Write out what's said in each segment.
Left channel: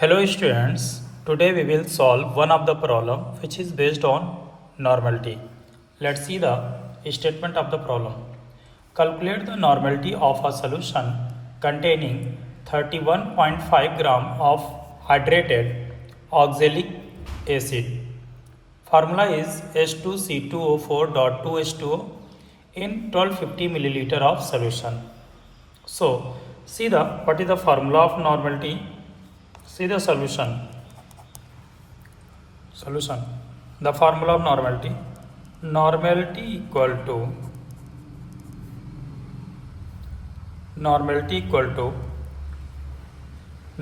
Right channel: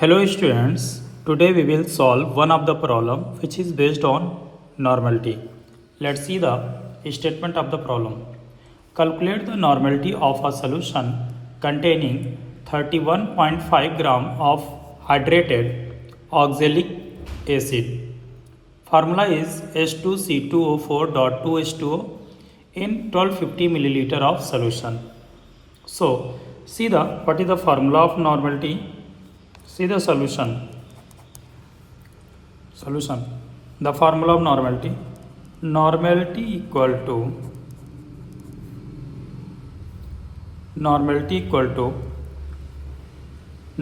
Hello students, today we will solve one of the problem which is based on normality. Let's see the statement of the problem. Calculate the normality of a solution containing 31.5 gram of hydrated oxalic acid. Formula is H2C2O4.2H2O in 1250 milliliter of solution. So, see the what is the formula of normality? See the solution. The formula of normality. Normality equal to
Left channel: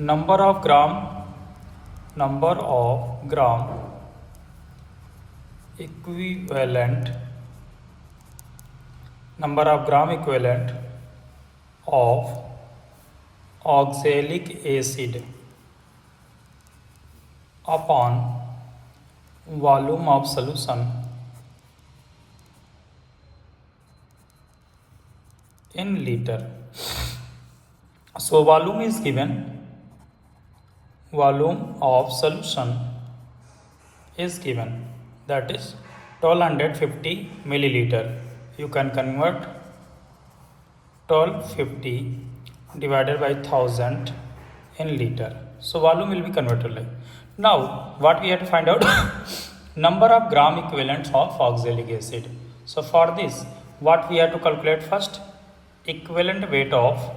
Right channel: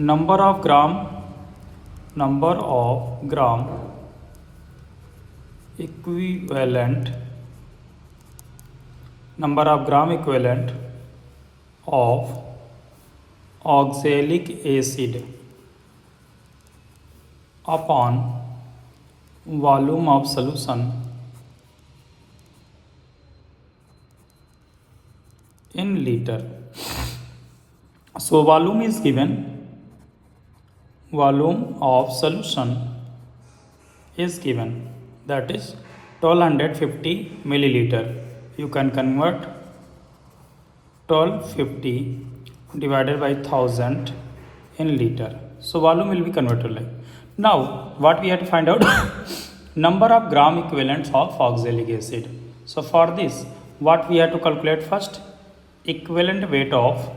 number of gram equivalent of oxalic acid upon volume of solution in liter. So volume is given, volume of solution is given, that is 1250 milliliter. You can convert 1250 divided by 1000 in liter. So volume will be converted like. Now what we have to find out number of gram equivalents of oxalic acid. So for this what we have to calculate first? Equivalent weight of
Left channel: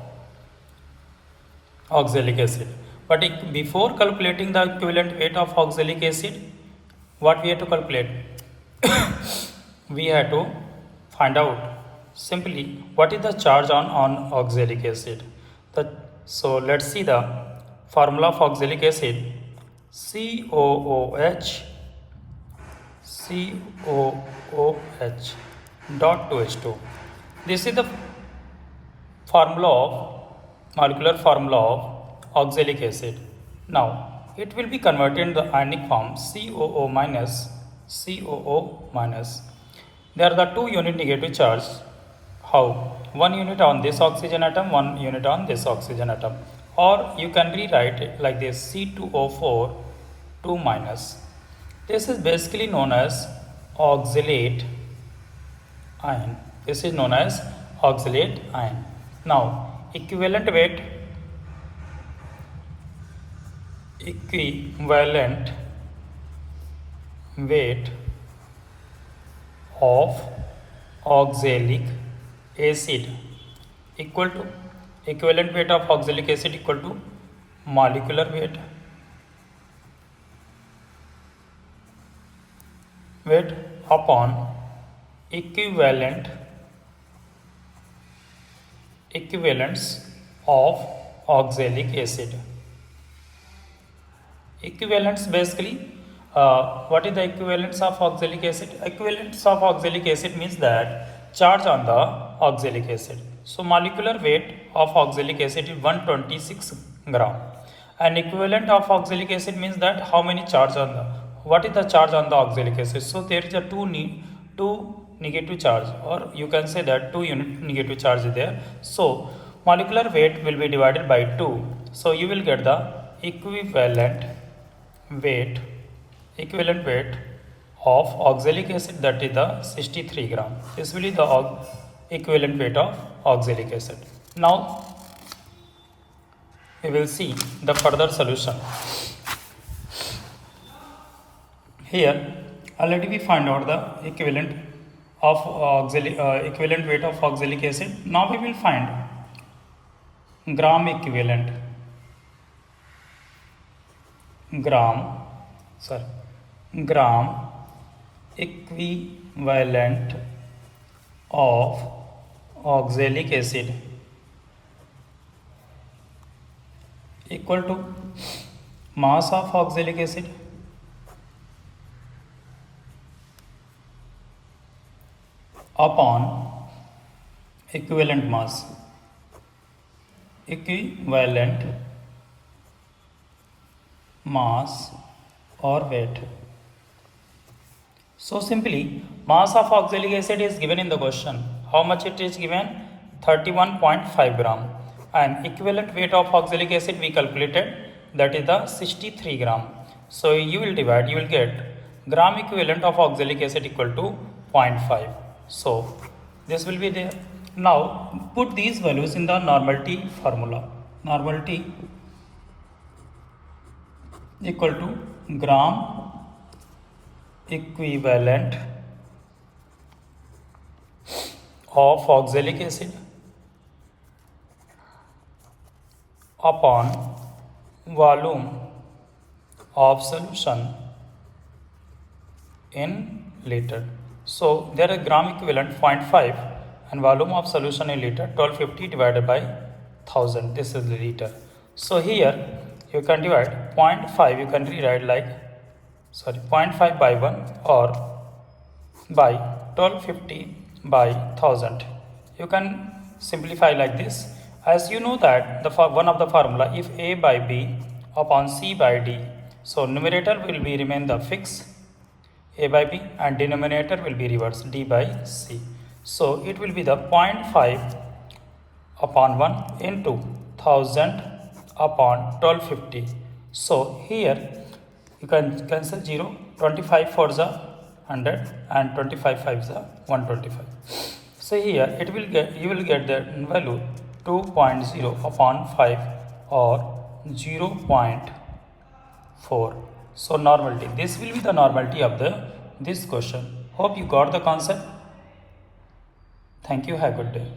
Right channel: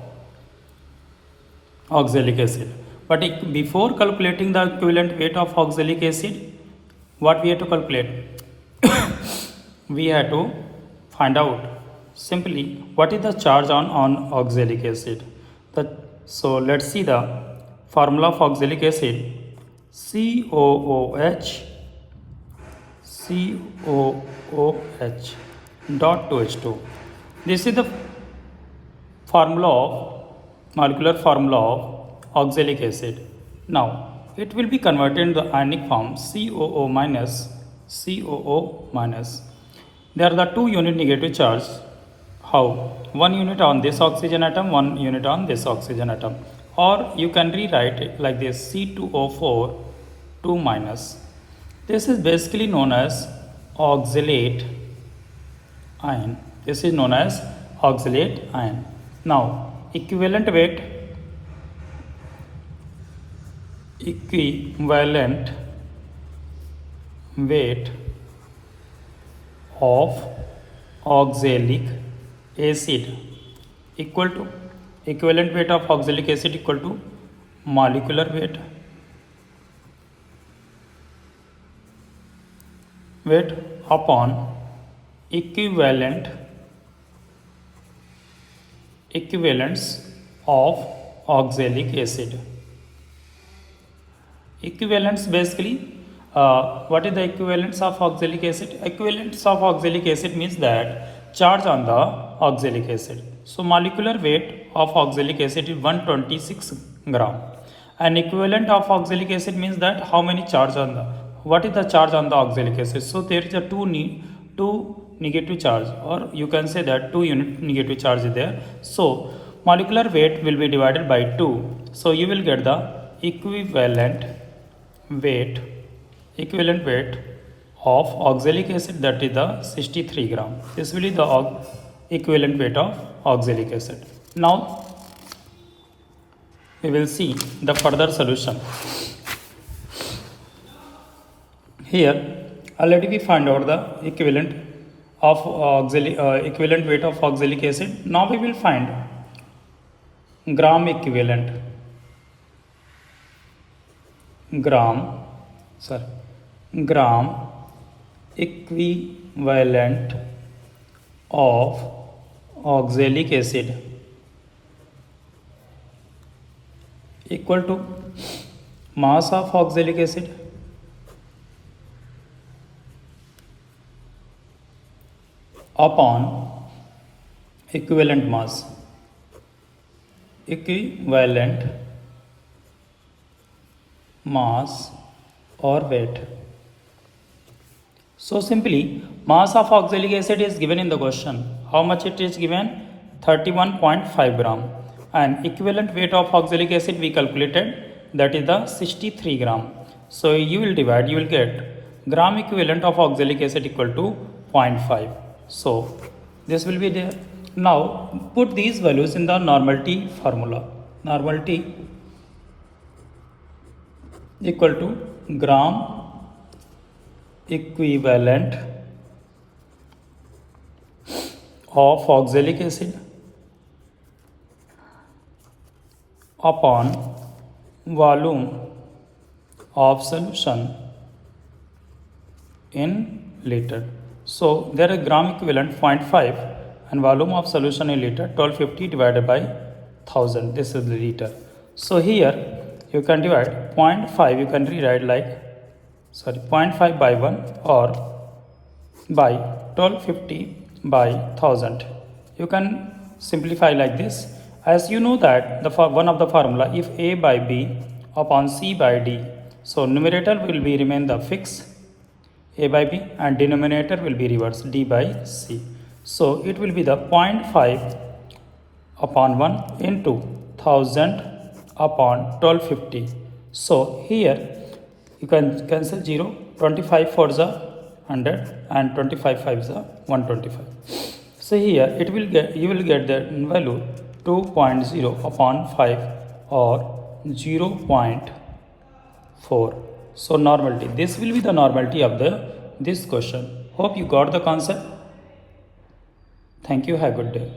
oxalic acid. But before calculating the equivalent weight of oxalic acid, what we have to calculate? We have to find out simply what is the charge on oxalic acid. So let's see the formula of oxalic acid. COOH dot 2H2. This is the molecular formula of oxalic acid. Now it will be converted in the ionic form COO minus. There are the two unit negative charge. How? One unit on this oxygen atom, one unit on this oxygen atom. Or you can rewrite it like this: C2O4 2 minus. This is basically known as oxalate ion. Now equivalent weight of oxalic acid equal to molecular weight upon equivalence of oxalic acid. Equivalence basically, what is the equivalence of oxalic acid? Equivalence of oxalic acid means that charge on the oxalic acid. So molecular weight of oxalic acid is 126 gram. And equivalent of oxalic acid means that how many charge on the, what is the charge on the oxalic acid? So there is a two negative charge, or you can say that 2 unit negative charge is there. So molecular weight will be divided by 2. So you will get the equivalent weight of oxalic acid, that is the 63 gram. This will be the equivalent weight of oxalic acid. Now we will see the further solution. Here already we find out the equivalent weight of oxalic acid. Now we will find gram equivalent of oxalic acid equal to mass of oxalic acid upon equivalent mass or weight. So simply mass of oxalic acid is given in the question. How much it is given? 31.5 gram. And equivalent weight of oxalic acid we calculated that is the 63 gram. So you will divide, you will get gram equivalent of oxalic acid equal to 0.5. So this will be there. Now put these values in the normality formula. Normality equal to gram equivalent of oxalic acid upon volume of solution in liter. So there is gram equivalent 0.5 and volume of solution in liter 1250 divided by 1000. This is the liter. So here you can divide 0.5, you can rewrite like 0.5 by 1 or by 1250 by 1000. You can simplify like this. As you know that the one of the formula, if A by B upon C by D, so numerator will be remain the fixed A by B and denominator will be reverse D by C. So it will be the 0.5 upon 1 into 1000 upon 1250. So here you can cancel 0, 25 for the 100 and 25 5 the 125. So here it will get, you will get the value 2.0 upon 5 or 0.4. So normality, this will be the normality of this question. Hope you got the concept. Thank you, have a good day.